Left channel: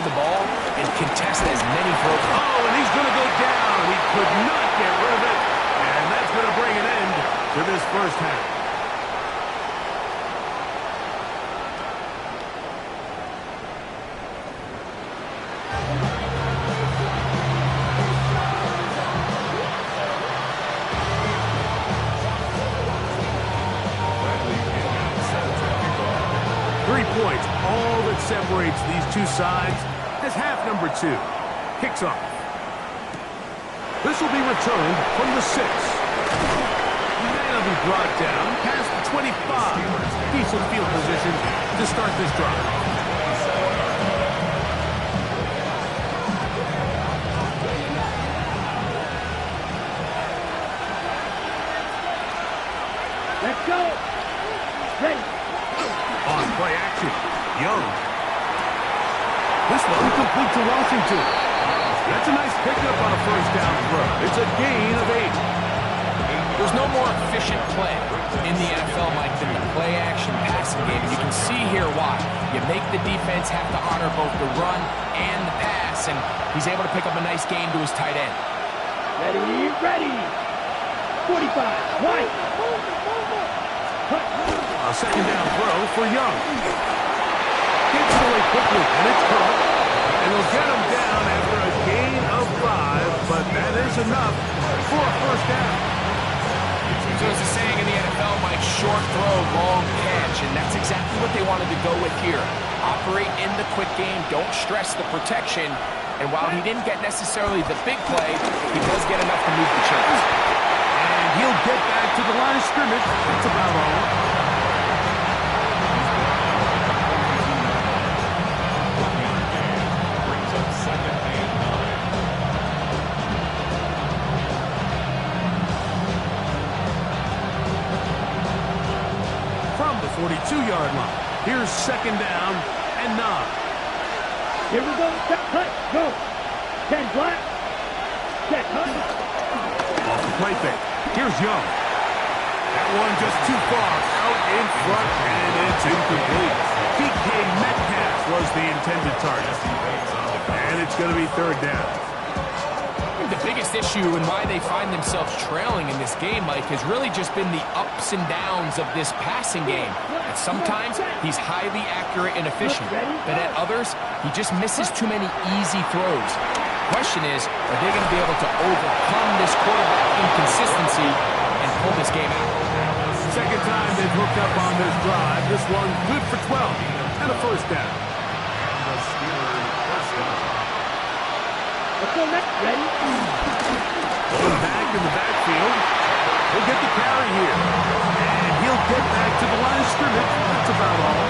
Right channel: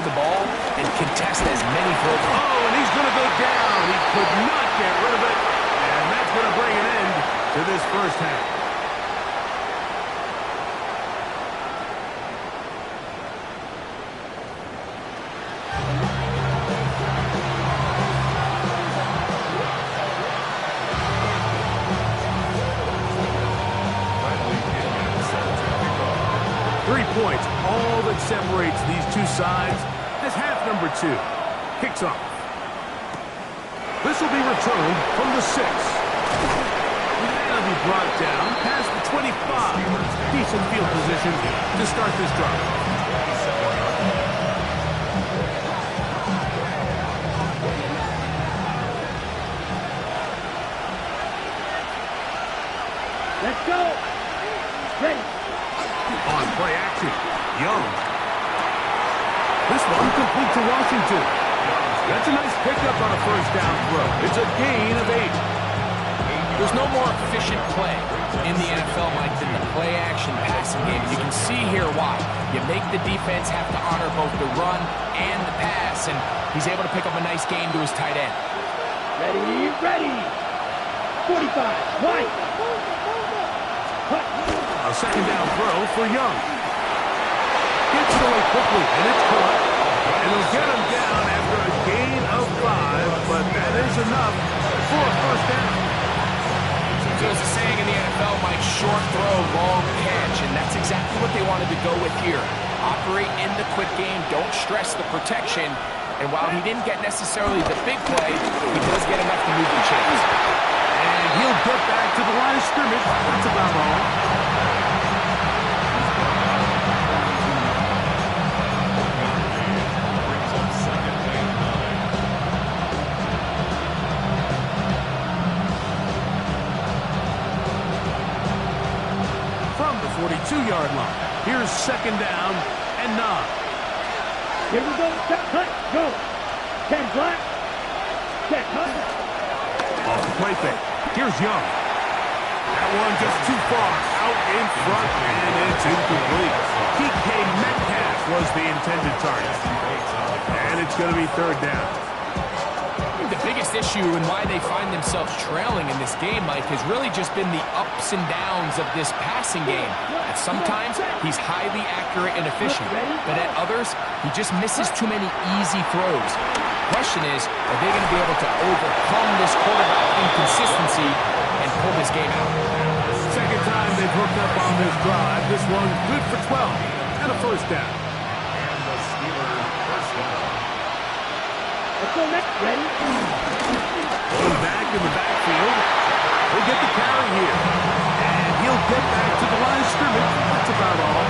to the ball and contest as many throws. Oh, and he's going to go down. He could not get rid of it. And that's going to bring an end to this first half. Points, all that separates these two sides as half number 2 kicks off. This will be returned from the 6. That'll be brought down past the 25. Decent field position to start this drive. Let's go. Ready. On play action, Young. This one complete to Washington. That's a nice pickup on a first down throw. It's a gain of 8. There's no more efficient play in the NFL, Mike, than the play action passing game. You can see here why. You make the defense have to honor both the run and the pass, and he's able to pick up a nice gain to his tight end. Ready, ready. 45, White. A second down throw for Young. Gets it away quickly, and it's caught. And they'll get him down after a gain of 5, but that is enough for a first down. So as a saying in the NFL, Mike, short throw, long catch, and that's exactly what they wanted to go with here. Operate in the quick game, don't stress the protection, and while he didn't get necessarily the big play, he does get enough to move the chains. And he'll get back to the line of scrimmage. That's about all. From the 42-yard line, here's second down and 9. Here we go. Set, cut, go. 10 black. Set, cut. Off the play fake. Here's Young. That one just too far out in front, and it's incomplete. DK Metcalf was the intended target. And it's going to be third down. The biggest issue and why they find themselves trailing in this game, Mike, has really just been the ups and downs of this passing game. At sometimes, he's highly accurate and efficient, but at others, he just misses too many easy throws. The question is, are they going to be able to overcome this quarterback inconsistency and pull this game out? Second time they've hooked up on this drive. This one good for 12 and a first down. And the Steelers first down. Let's go next. Ready? Going back in the backfield. He'll get the carry here. And he'll get back to the line of scrimmage. That's about all.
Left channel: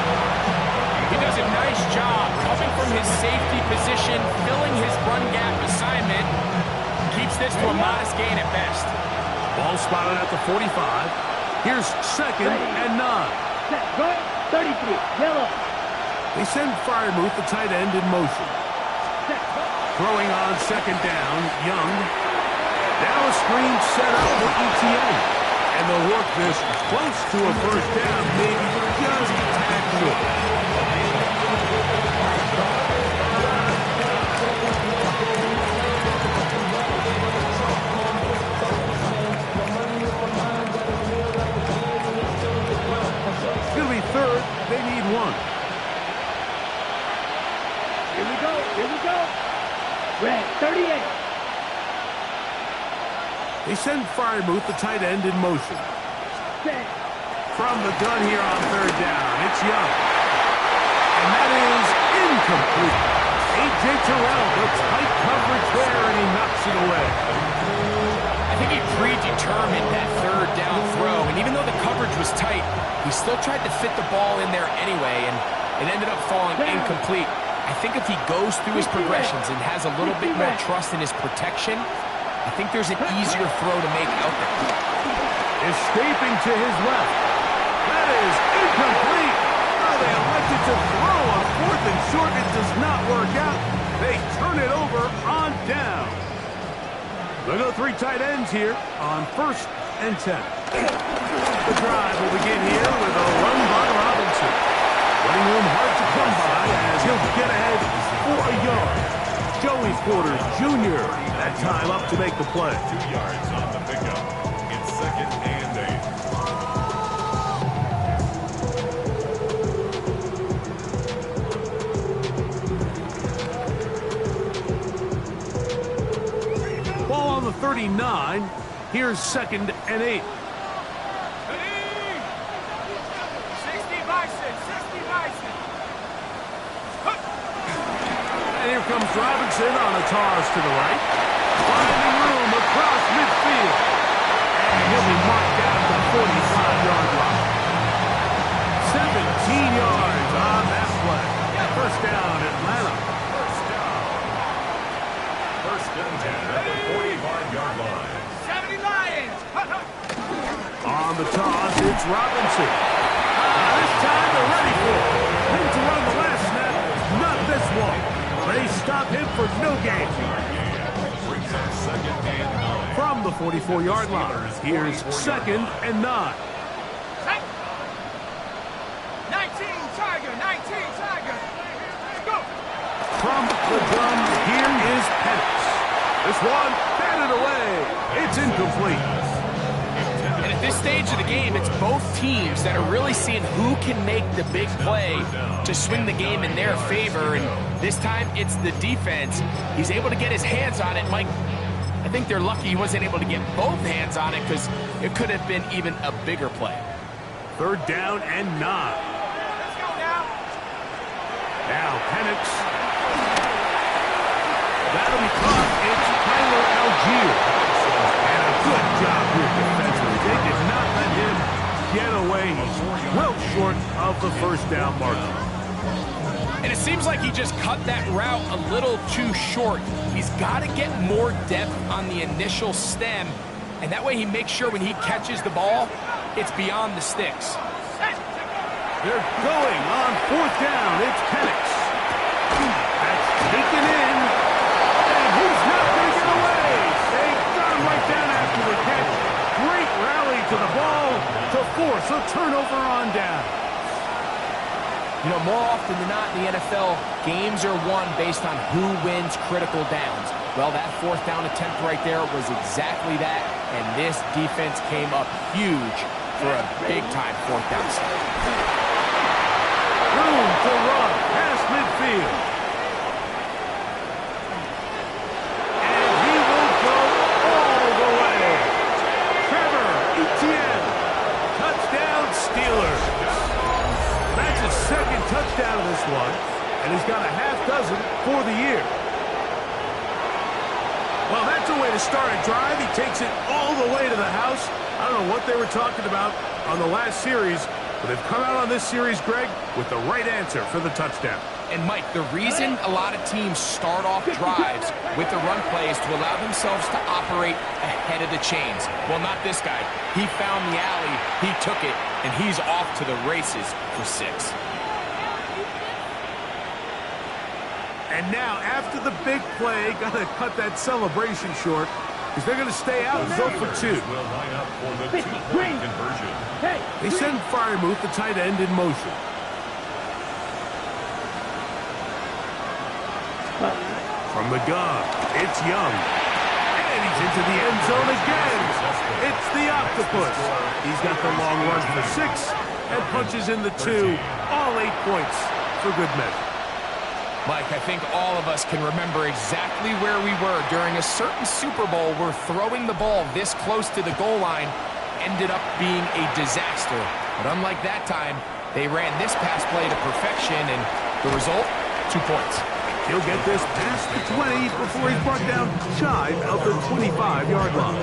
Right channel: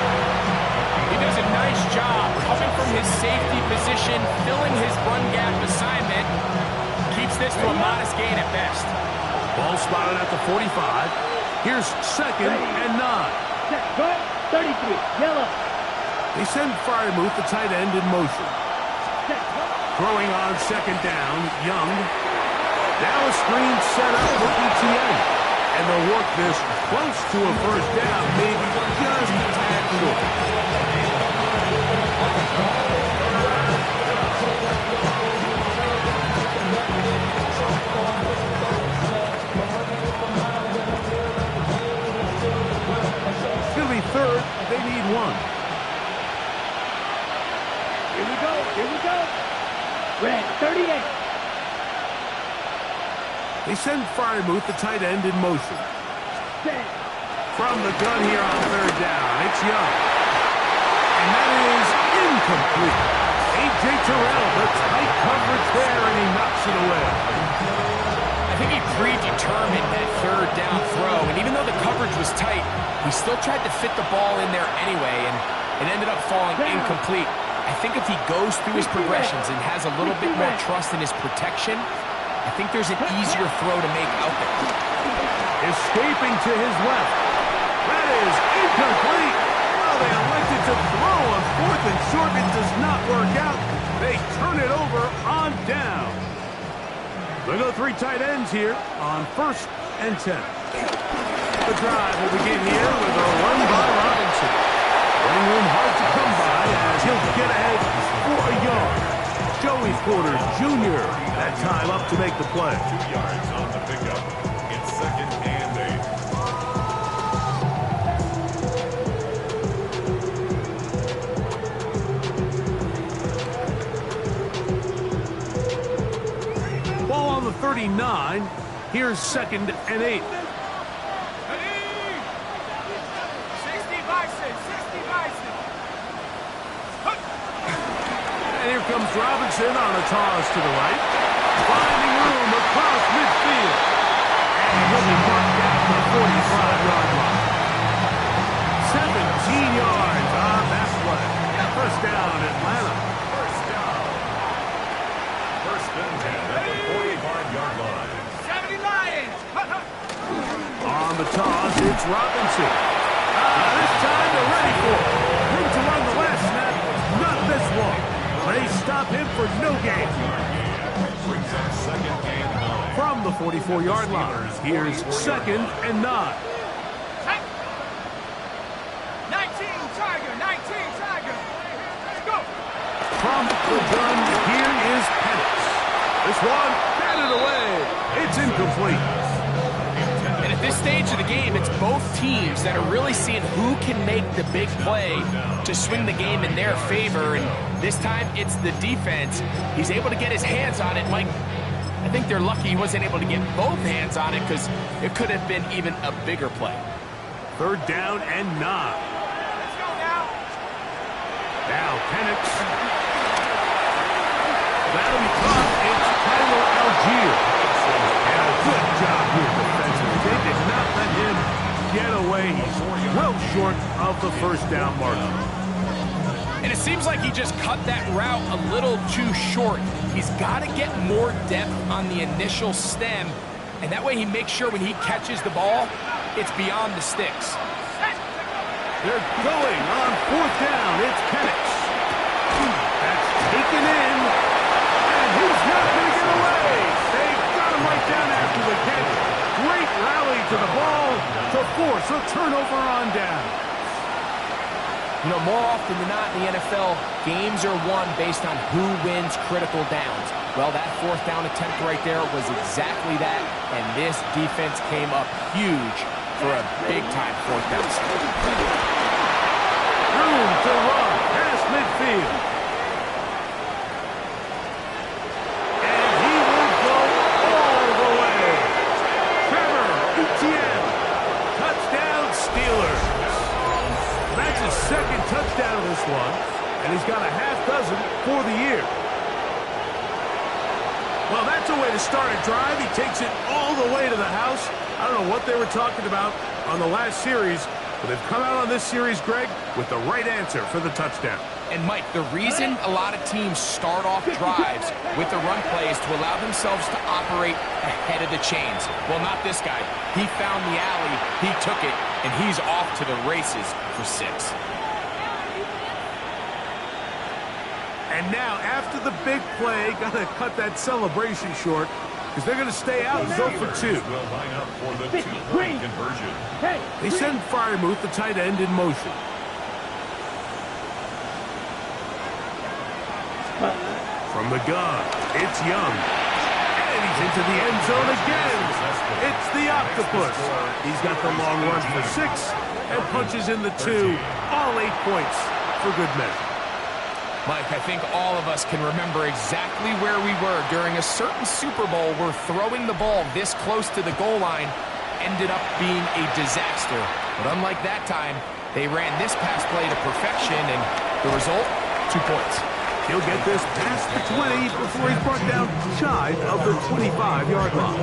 He does a nice job coming from his safety position, filling his run gap assignment. Keeps this to a modest gain at best. Ball spotted at the 45. Here's second and 9. Set, right, 33, yellow. They send Freiermuth, the tight end, in motion. Set, Throwing on second down, Young. Now a screen set up for ETN. And they'll work this close to a first down, maybe just a tad short. It's going to be third. They need 1. Here we go, here we go. Red, 38. They send Freiermuth, the tight end, in motion. Set. From the gun here on third down, it's Young. And that is incomplete. A.J. Terrell, the tight coverage there, and he knocks it away. I think he predetermined that third down throw, and even though the coverage was tight, he still tried to fit the ball in there anyway, and it ended up falling incomplete. I think if he goes through his progressions and has a little bit more trust in his protection, I think there's an easier throw to make out there. Escaping to his left. That is incomplete. Oh, they elected to throw on 4th and short. It does not work out. They turn it over on down. They'll go 3 tight ends here on 1st and 10. The drive will begin here with a run by Robinson. Running room hard to come by as he'll get ahead for a Joey Porter Jr. That time up to make the play. 2 yards on the pickup. It's 2nd and 8. Ball on the 39. Here's 2nd and 8. And here comes Robinson on a toss to the right. Finding room across midfield. And he'll be marked down to the 45-yard line. 17 yards on that play. First down, Atlanta. First down. 1st and 10 at the 45-yard line. 70 Lions! On the toss, it's Robinson. This time they're ready for it. Ready to run the last snap. Not this one. They stop him for no gain. Brings up 2nd and 9. From the 44-yard line, here's 2nd and 9. 19 Tiger, 19 Tiger. Let's go. From the gun, here is Penix. This one batted away. It's incomplete. And at this stage of the game, it's both teams that are really seeing who can make the big play to swing the game in their favor. And this time, it's the defense. He's able to get his hands on it. Mike, I think they're lucky he wasn't able to get both hands on it because it could have been even a bigger play. 3rd down and 9. Let's go now. Now Penix. That'll be caught. It's Tyler Algier. And a good job here defensively. They did not let him get away. He's well short of the first down marker. And it seems like he just cut that route a little too short. He's got to get more depth on the initial stem, and that way he makes sure when he catches the ball, it's beyond the sticks. They're going on 4th down. It's Penix. That's taken in, and he's not going to get away. They got him right down after the catch. Great rally to the ball to force a turnover on down. You know, more often than not in the NFL, games are won based on who wins critical downs. Well, that 4th down attempt right there was exactly that, and this defense came up huge for a big-time 4th down stop. Room to run past midfield. And he will go all the way. Trevor Etienne. Touchdown Steelers. That's his 2nd touchdown of this one, and he's got a half dozen for the year. Well, that's a way to start a drive. He takes it all the way to the house. I don't know what they were talking about on the last series, but they've come out on this series, Greg, with the right answer for the touchdown. And, Mike, the reason a lot of teams start off drives with the run play is to allow themselves to operate ahead of the chains. Well, not this guy. He found the alley, he took it, and he's off to the races for 6. And now, after the big play, got to cut that celebration short because they're going to stay out and go for 2. Will line up for the 2-point conversion. Hey, They send Freiermuth, the tight end, in motion. From the gun, it's Young. And he's into the end zone again. It's the Octopus. He's got the long run for 6 and punches in the 2. All 8 points for good measure. Mike, I think all of us can remember exactly where we were during a certain Super Bowl where throwing the ball this close to the goal line ended up being a disaster. But unlike that time, they ran this pass play to perfection, and the result, 2 points. He'll get this past the 20 before he's brought down shy of the 25-yard line.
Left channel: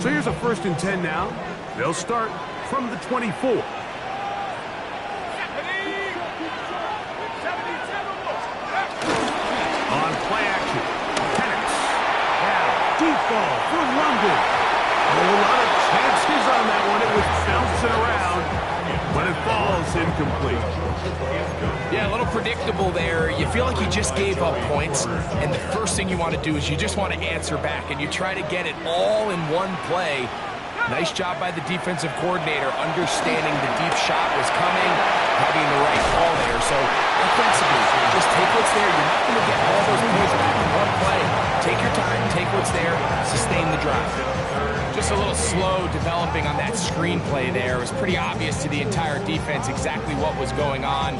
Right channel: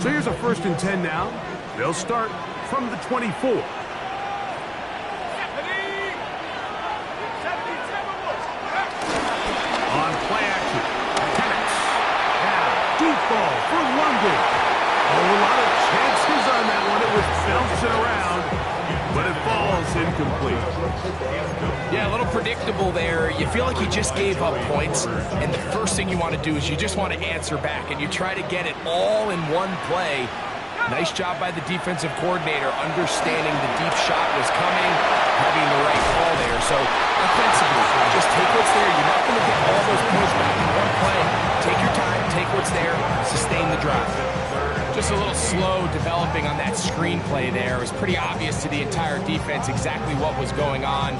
So here's a 1st and 10 now. They'll start from the 24. On play action, Penix. Now, deep ball for London. Oh, a lot of chances on that one. It was bouncing around, but it falls incomplete. Yeah, a little predictable there. You feel like you just gave up points, and the first thing you want to do is you just want to answer back, and you try to get it all in one play. Nice job by the defensive coordinator understanding the deep shot was coming, having the right call there. So offensively, just take what's there. You're not going to get all those points back in one play. Take your time, take what's there, sustain the drive. Just a little slow developing on that screenplay there. It was pretty obvious to the entire defense exactly what was going on.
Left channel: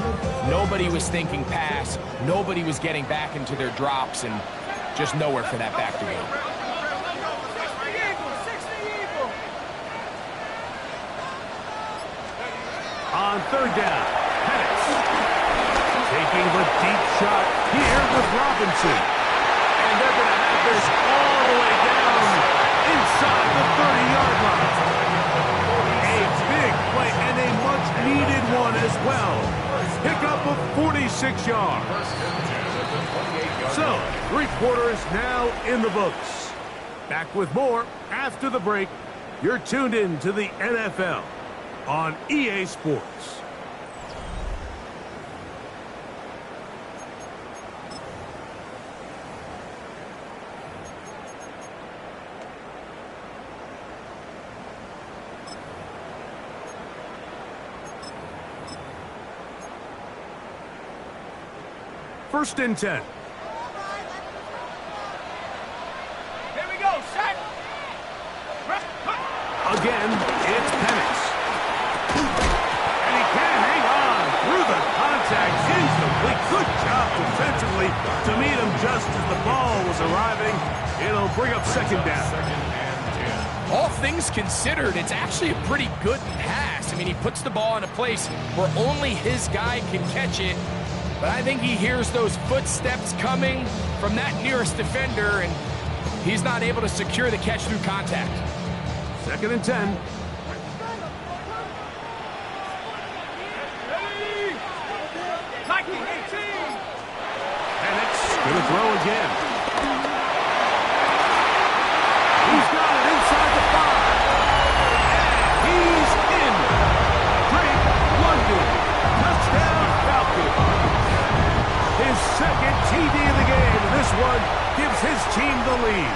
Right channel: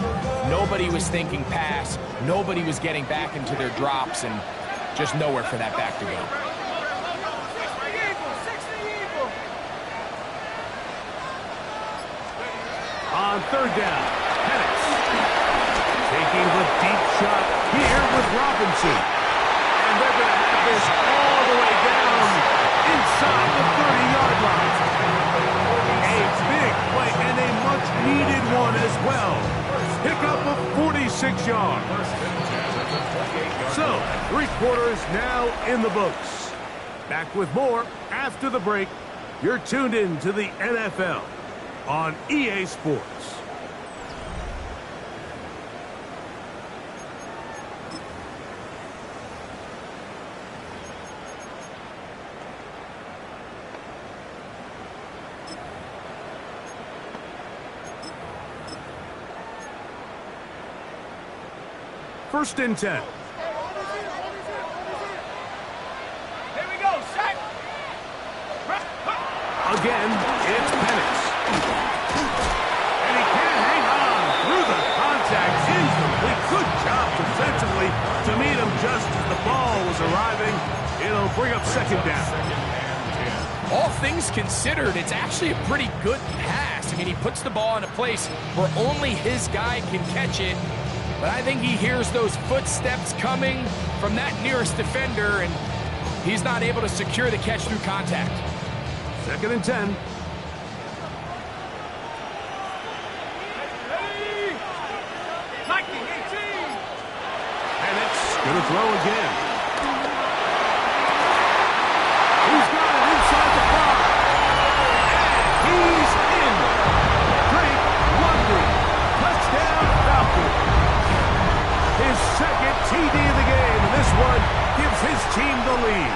Nobody was thinking pass. Nobody was getting back into their drops, and just nowhere for that back to go. On third down, Penix taking the deep shot here with Robinson. And they're going to have this all the way down inside the 30-yard line. A big play and a much-needed one as well. Pickup of 46 yards. So, 3 quarters now in the books. Back with more after the break. You're tuned in to the NFL on EA Sports. First and 10. Here we go, set. Again, it's Penix. And he can't hang on through the contact. Incomplete. Good job defensively to meet him just as the ball was arriving. It'll bring up second down. All things considered, it's actually a pretty good pass. I mean, he puts the ball in a place where only his guy can catch it. But I think he hears those footsteps coming from that nearest defender, and he's not able to secure the catch through contact. Second and 10. And it's going to throw again. He's got it inside the 5. And he's in. Drake London. Touchdown Falcons. His second TD of the game, and this one gives his team the lead.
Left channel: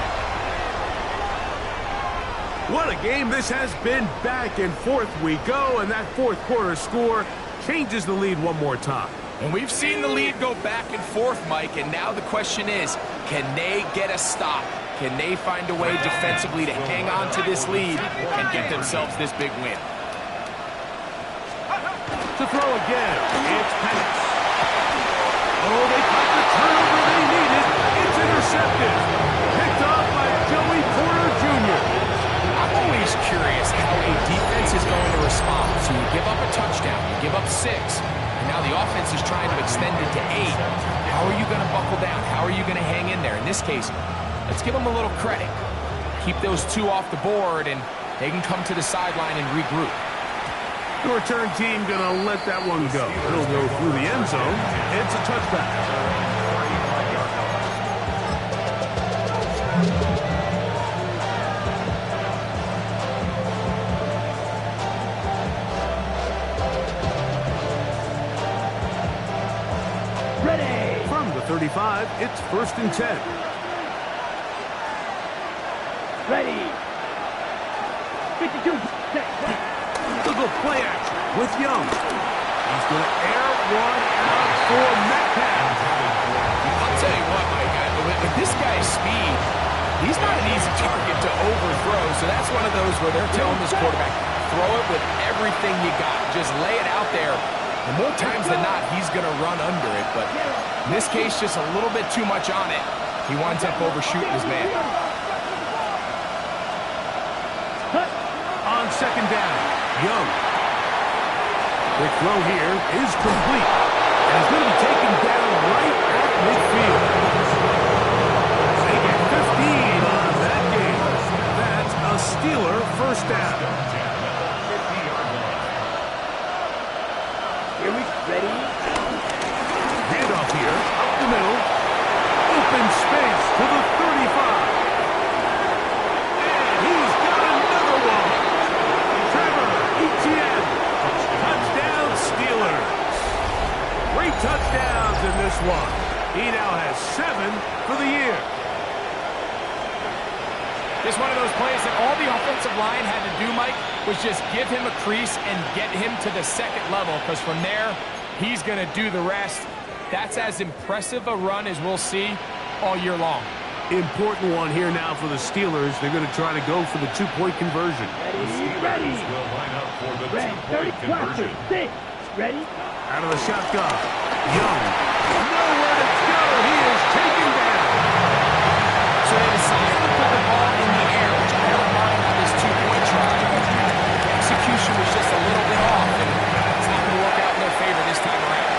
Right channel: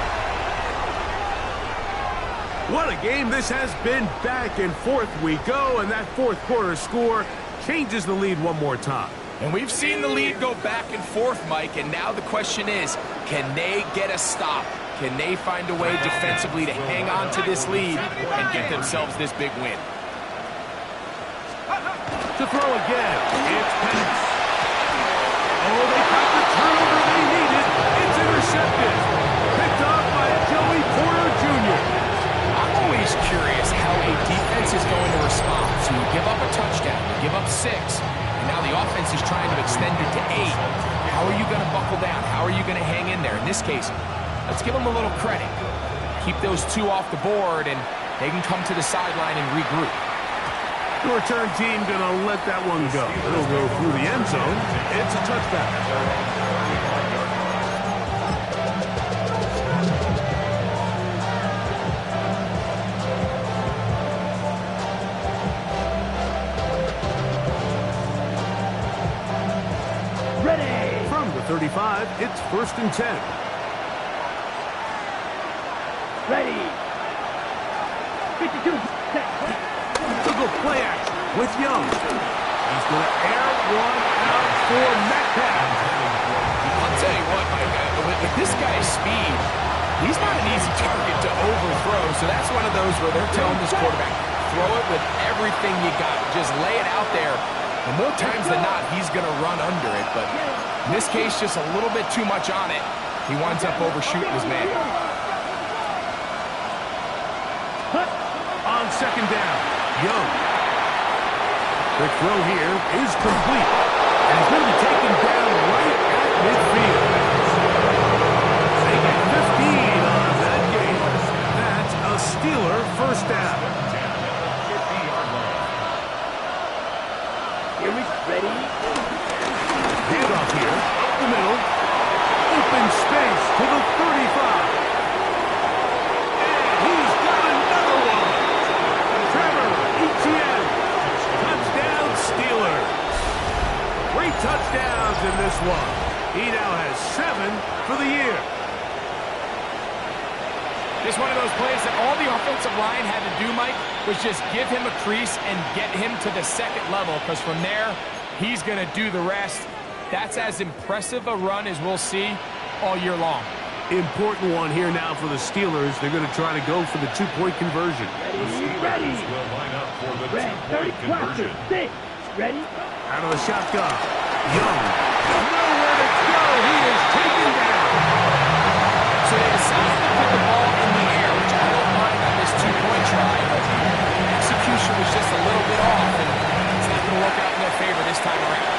What a game this has been. Back and forth we go, and that fourth quarter score changes the lead one more time. And we've seen the lead go back and forth, Mike, and now the question is, can they get a stop? Can they find a way defensively to hang on to this lead and get themselves this big win? To throw again, it's Penix. Oh, they got the turnover they needed. It's intercepted. Picked off by Joey Porter Jr. I'm always curious how a defense is going to respond. So you give up a touchdown, you give up 6, and now the offense is trying to extend it to 8. How are you going to buckle down? How are you going to hang in there? In this case, let's give them a little credit. Keep those 2 off the board, and they can come to the sideline and regroup. The return team going to let that one go. It'll go through the end zone. It's a touchback. Ready. From the 35, it's first and 10. Ready. 52. Go play action with Young. He's going to air one out for Metcalf. I'll tell you what, Mike, with this guy's speed, he's not an easy target to overthrow. So that's one of those where they're telling this quarterback, throw it with everything you got. Just lay it out there. And more times than not, he's going to run under it. But in this case, just a little bit too much on it. He winds up overshooting his man. On second down, Young. Quick throw here is complete. And he's going to be taken down right at midfield. They get 15 on that game. That's a Steeler first down. Here we ready. Handoff here, up the middle. Open space to the 35. And he's got another one. Trevor Etienne. Touchdown Steelers. 3 touchdowns in this one. He now has 7 for the year. Just one of those plays that all the offensive line had to do, Mike, was just give him a crease and get him to the second level, because from there, He's going to do the rest. That's as impressive a run as we'll see all year long. Important one here now for the Steelers. They're going to try to go for the two-point conversion. Ready. Will line up for the Red, 30 two-point conversion. 6. Ready? Out of the shotgun. Young. Nowhere to go. He is taken down. So they decided to put the ball in the air, which I don't mind on this two-point try, but execution was just a little bit off, and it's not going to work out in their favor this time around.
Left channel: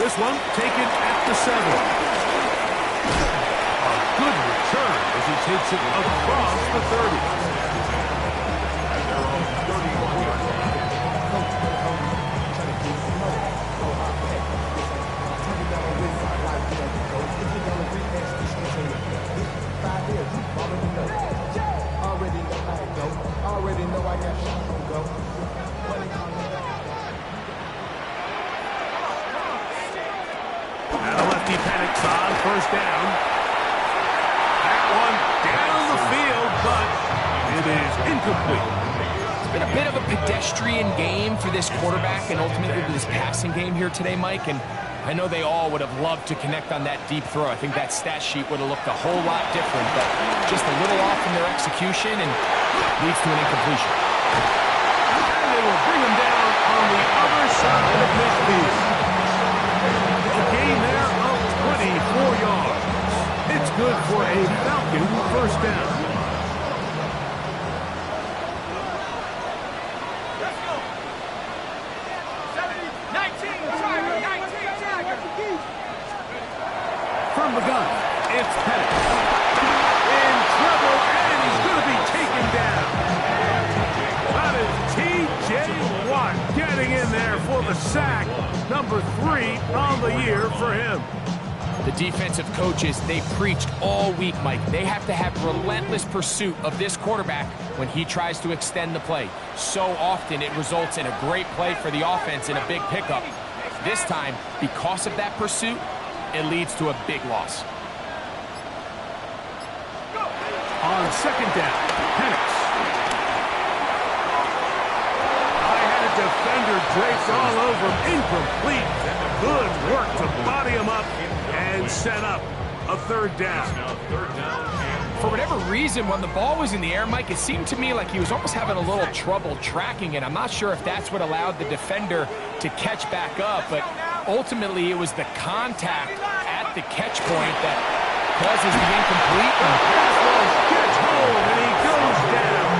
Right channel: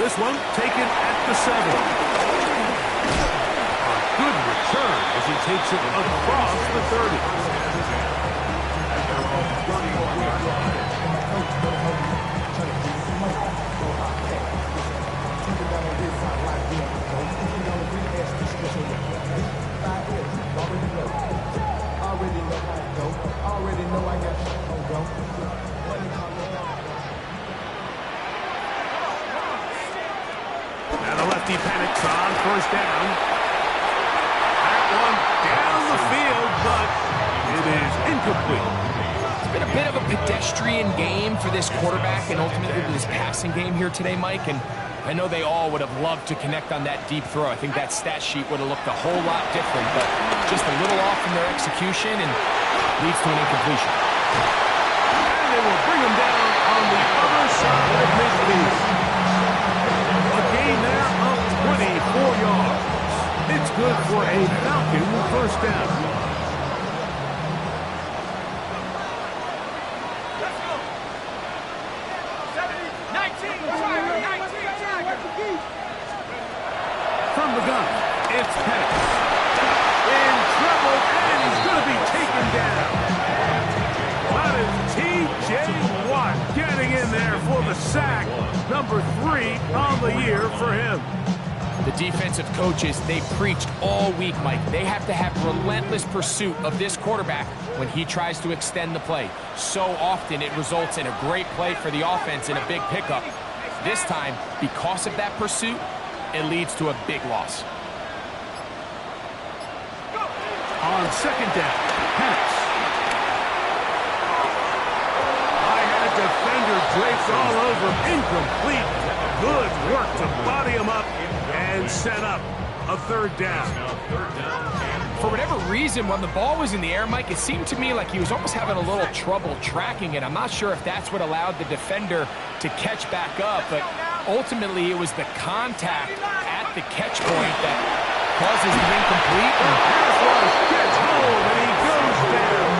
This one taken at the 7. A good return as he takes it across the 30. At their own 31-yard line. Already know I got shit on go. Now the lefty panics on first down. That one down the field, but it is incomplete. It's been a bit of a pedestrian game for this quarterback and ultimately this passing game here today, Mike, and I know they all would have loved to connect on that deep throw. I think that stat sheet would have looked a whole lot different, but just a little off in their execution and leads to an incompletion. And they will bring him down on the other side of midfield. A gain there of 24 yards. It's good for a Falcon first down. Let's go. 19, Tiger, 19, Tiger. From the gun, it's Pettit. In trouble, and he's going to be taken down. That is T.J. Watt getting in there for the sack. Number 3 on the year for him. The defensive coaches, they preached all week, Mike. They have to have relentless pursuit of this quarterback when he tries to extend the play. So often it results in a great play for the offense and a big pickup. This time, because of that pursuit, it leads to a big loss. On second down, Penix. I had a defender draped all over him. Incomplete. Good work to body him up and set up a third down. For whatever reason, when the ball was in the air, Mike, it seemed to me like he was almost having a little trouble tracking it. I'm not sure if that's what allowed the defender to catch back up, but ultimately it was the contact at the catch point that causes the incomplete. The pass rush gets home, and he goes down.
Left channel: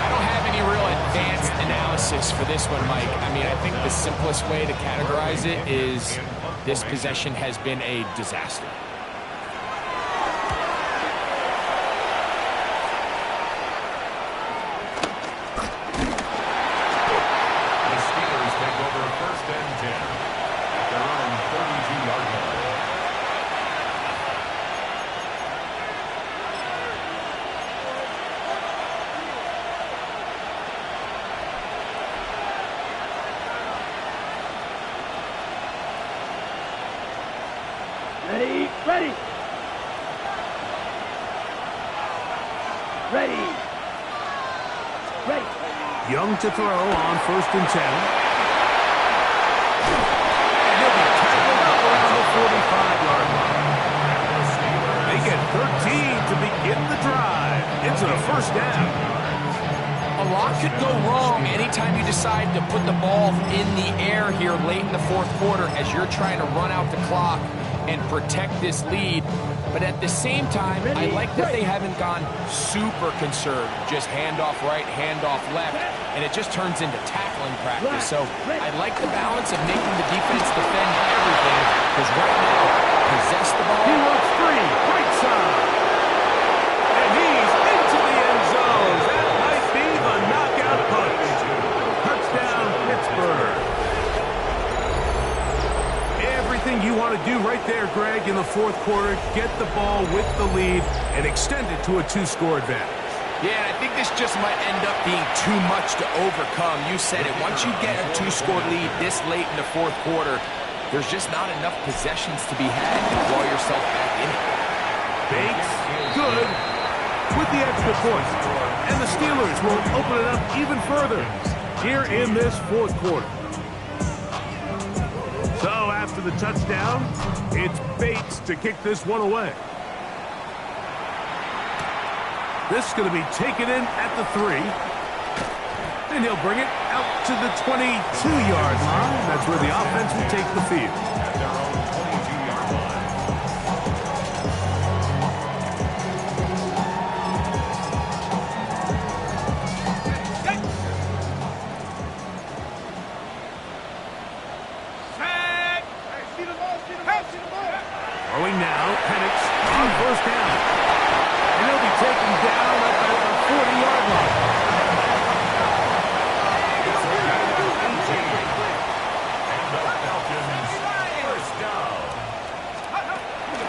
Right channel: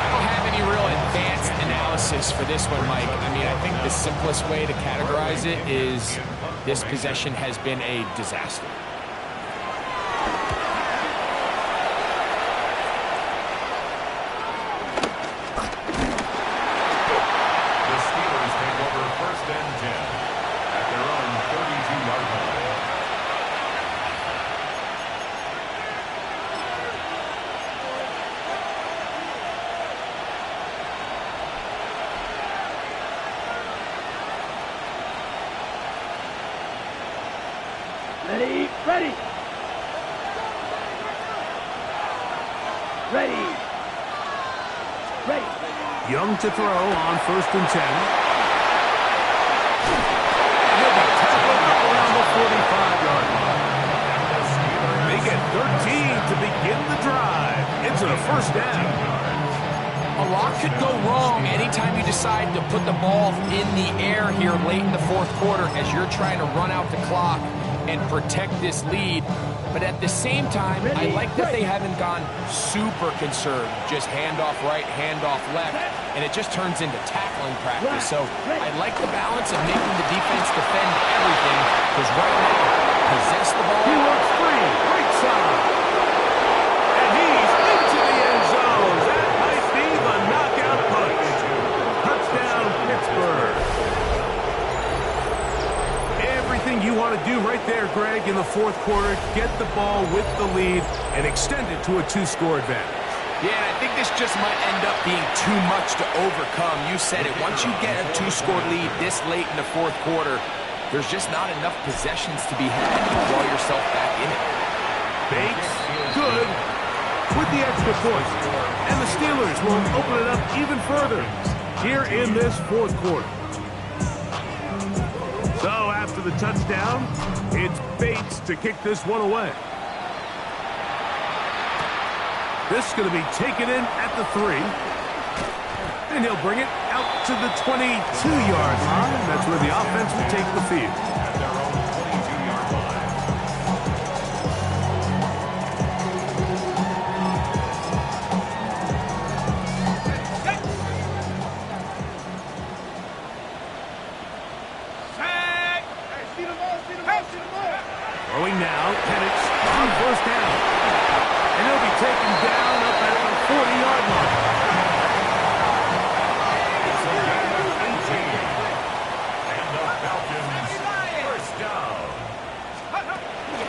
I don't have any real advanced analysis for this one, Mike. I mean, I think the simplest way to categorize it is this possession has been a disaster. The Steelers take over first and 10 at their own 32-yard line. Ready? Ready. Ready. Ready. Young to throw on first and 10. And he'll be tackled up around the 45-yard line. They get 13 to begin the drive. It's a first down. A lot could go wrong anytime you decide to put the ball in the air here late in the fourth quarter as you're trying to run out the clock and protect this lead. But at the same time, I like that they haven't gone super conservative, just handoff right, handoff left, and it just turns into tackling practice. So I like the balance of making the defense defend everything, because right now, possess the ball. He works free, right side. And he's into the end zone. That might be the knockout punch. Touchdown, Pittsburgh. Everything you want to do right there, Greg, in the fourth quarter, get the ball with the lead and extend it to a 2-score advantage. Yeah, I think this just might end up being too much to overcome. You said it. Once you get a 2-score lead this late in the fourth quarter, there's just not enough possessions to be had to draw yourself back in it. Bates, good, with the extra point. And the Steelers will open it up even further. here in this fourth quarter. So after the touchdown, it's Bates to kick this one away. This is going to be taken in at the 3. And he'll bring it out to the 22-yard line. That's where the offense will take the field. At their own 22-yard line. Set. Hey, see the ball, see the ball, see the ball. Throwing now, Penix on first down. And he'll be taken down up at the 40-yard line. It's a gain of 18. And the Falcons first down.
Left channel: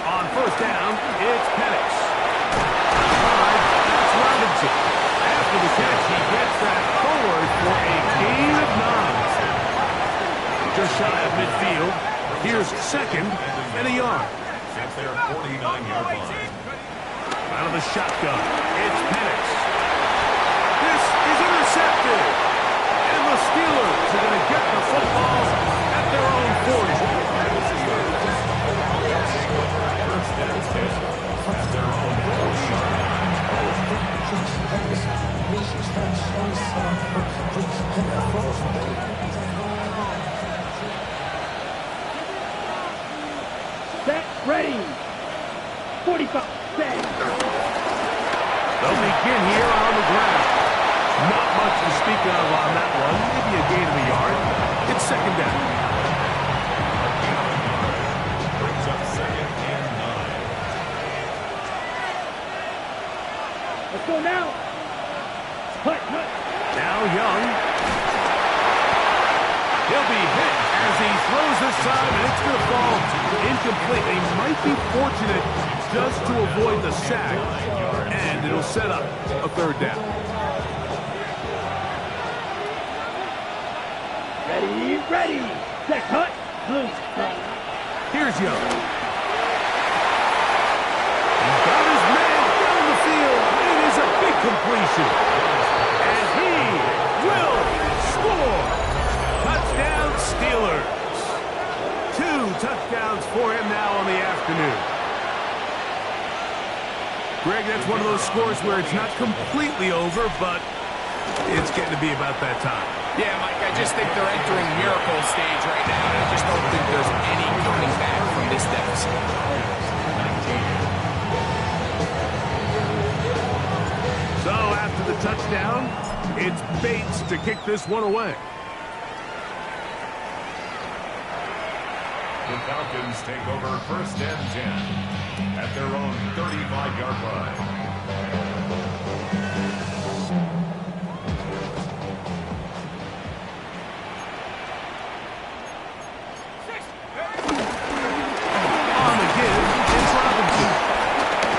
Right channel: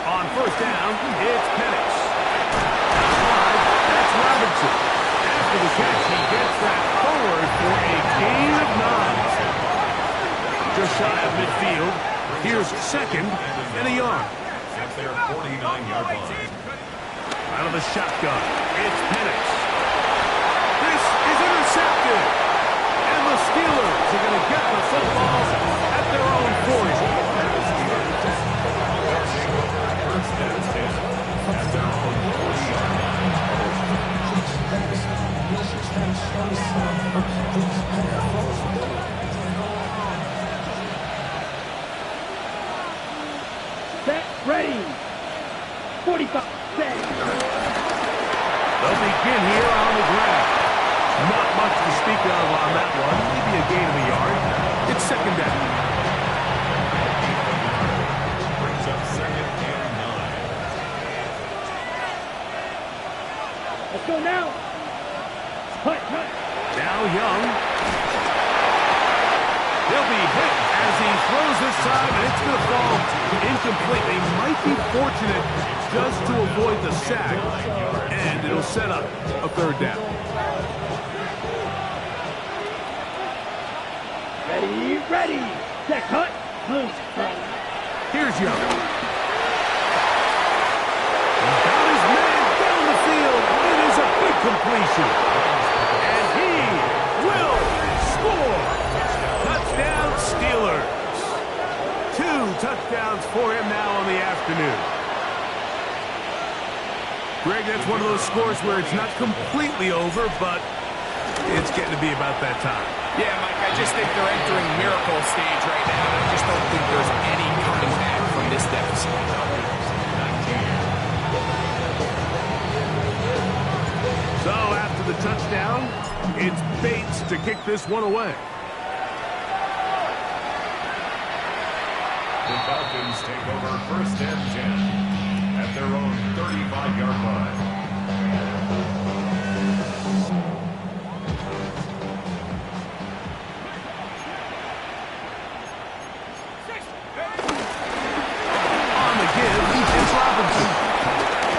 On first down, it's Penix. Outside, that's Robinson. After the catch, he gets that forward for a gain of 9. Just shy of midfield. Here's second and a yard. At their 49-yard line. Out of the shotgun, it's Penix. This is intercepted. And the Steelers are going to get the football at their own 40. First and 10 at their own 40-yard Set, ready. 45, set. They'll begin here on the ground. Not much to speak of on that one. Maybe a gain of a yard. It's second down. brings up second and 9. Let's go now. Hut, hut. Now Young. He'll be hit as he throws this time, and it's going to fall incomplete. They might be fortunate just to avoid the sack, and it'll set up a third down. Ready, ready. Set, hut, loose. Here's Young. He's got his man down the field. It is a big completion. And he will score. Touchdown, Steelers. 2 touchdowns for him now on the afternoon. Greg, that's one of those scores where it's not completely over, but it's getting to be about that time. Yeah, Mike, I just think they're entering miracle stage right now, and I just don't think there's any coming back from this deficit. 19. So after the touchdown, it's Bates to kick this one away. The Falcons take over first and 10 at their own 35-yard line. On the give, it's Robinson.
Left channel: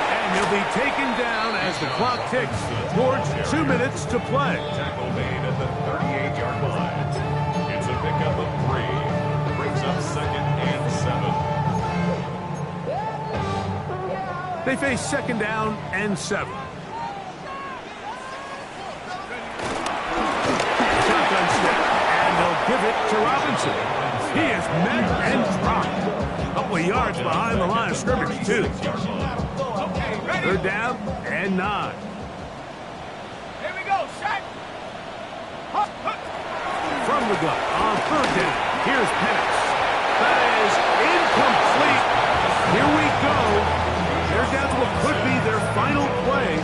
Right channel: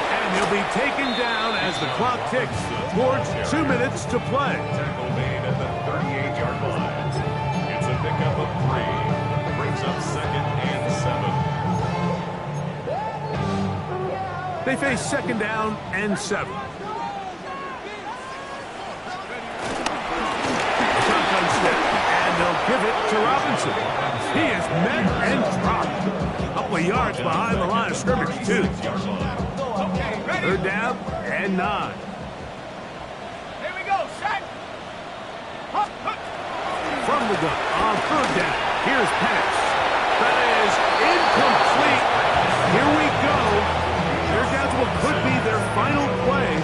And he'll be taken down as the clock ticks towards 2 minutes to play. Tackle made at the 38-yard line. It's a pickup of 3. Brings up second and 7. They face second down and 7. Shotgun snap, and they'll give it to Robinson. He is met and dropped. A couple of yards behind the line of scrimmage, too. Third down and 9. Here we go, set. Hup, hup. From the gun on third down. Here's Penix. That is incomplete. Here we go. They're down to what could be their final play.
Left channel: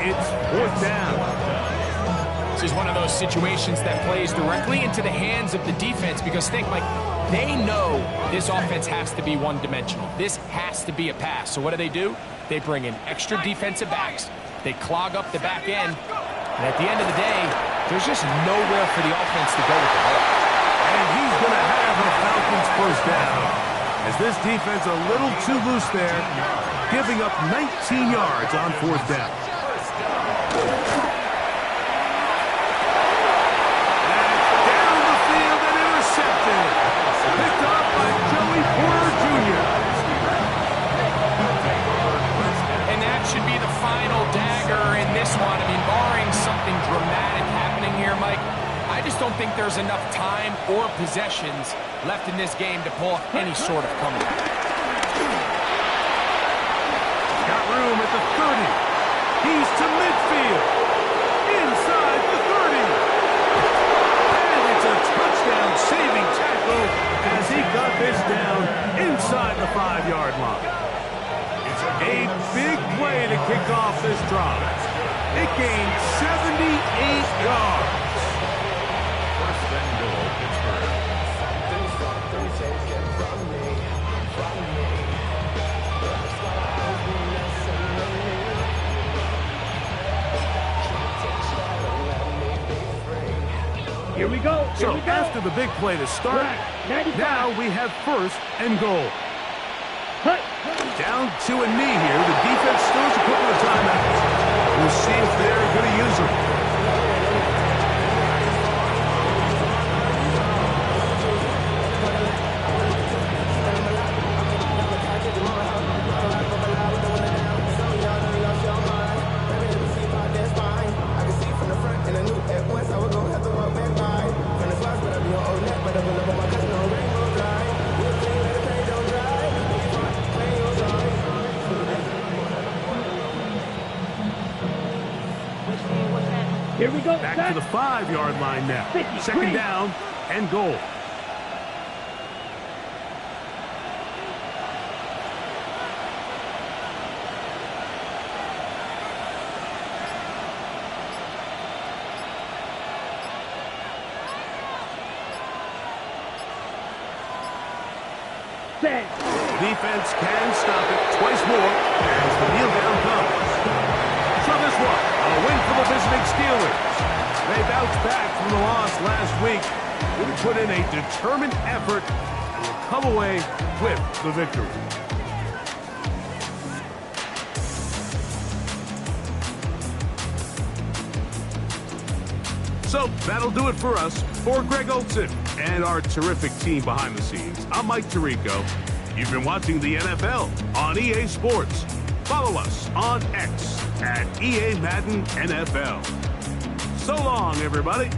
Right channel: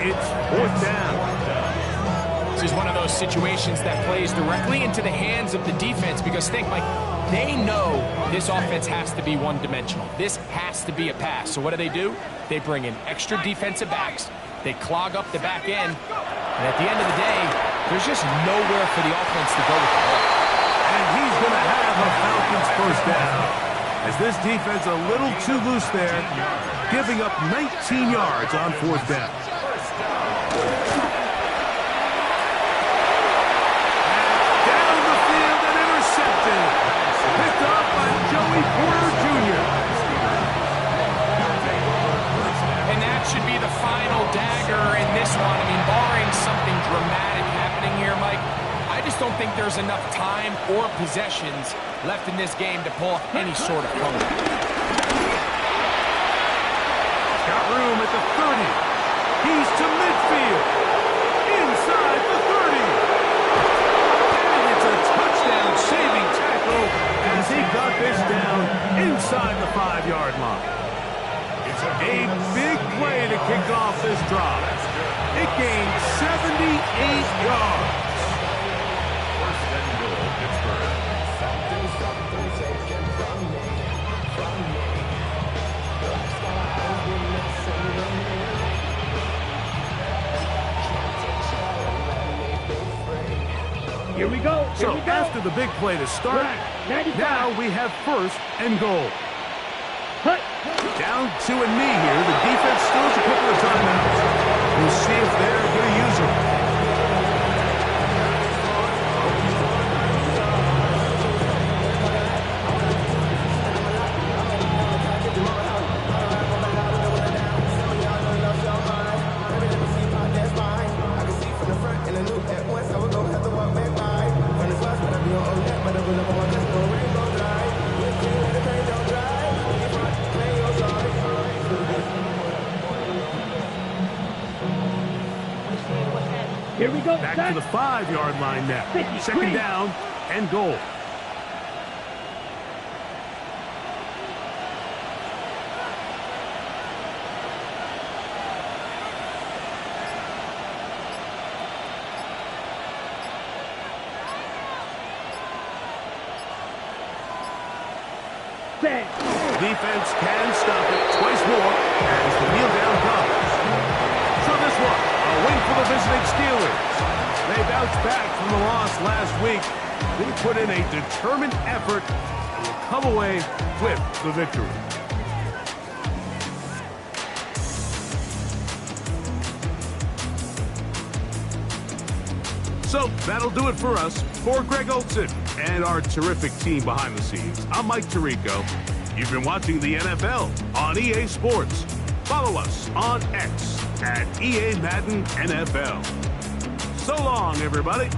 It's fourth down. This is one of those situations that plays directly into the hands of the defense because think, Mike, they know this offense has to be one-dimensional. This has to be a pass. So what do? They bring in extra defensive backs. They clog up the back end. And at the end of the day, there's just nowhere for the offense to go with the ball. And he's going to have the Falcons first down. As this defense a little too loose there, giving up 19 yards on fourth down. Down the field and intercepted. Picked up by Joey Porter Jr. And that should be the final dagger in this one. I mean, barring something dramatic happening here, Mike, I just don't don't think there's enough time or possessions left in this game to pull off any sort of comeback. Got room at the 30. He's to midfield. Inside the 30. And it's a touchdown-saving tackle as he got this down inside the 5-yard line. It's a big play to kick off this drive. It gained 78 yards. First and goal, Pittsburgh. Something taken from me. Life's got always been messing with me. Can't take shell and let me be free. Here we go. Here So we go. after the big play to start, Right, 95. now we have first and goal. Hut. Down 2 and me here. The defense still has a couple of timeouts. We'll see if they're going to use them. Here we go. Back to the 5-yard line now. 53. Second down and goal. Set. Defense can stop it twice more as the kneel down comes. So this one, a win for the visiting Steelers. They bounced back from the loss last week. Really put in a determined effort and will come away with the victory. So that'll do it for us. For Greg Olsen and our terrific team behind the scenes, I'm Mike Tirico. You've been watching the NFL on EA Sports. Follow us on X at EA Madden NFL. So long, everybody.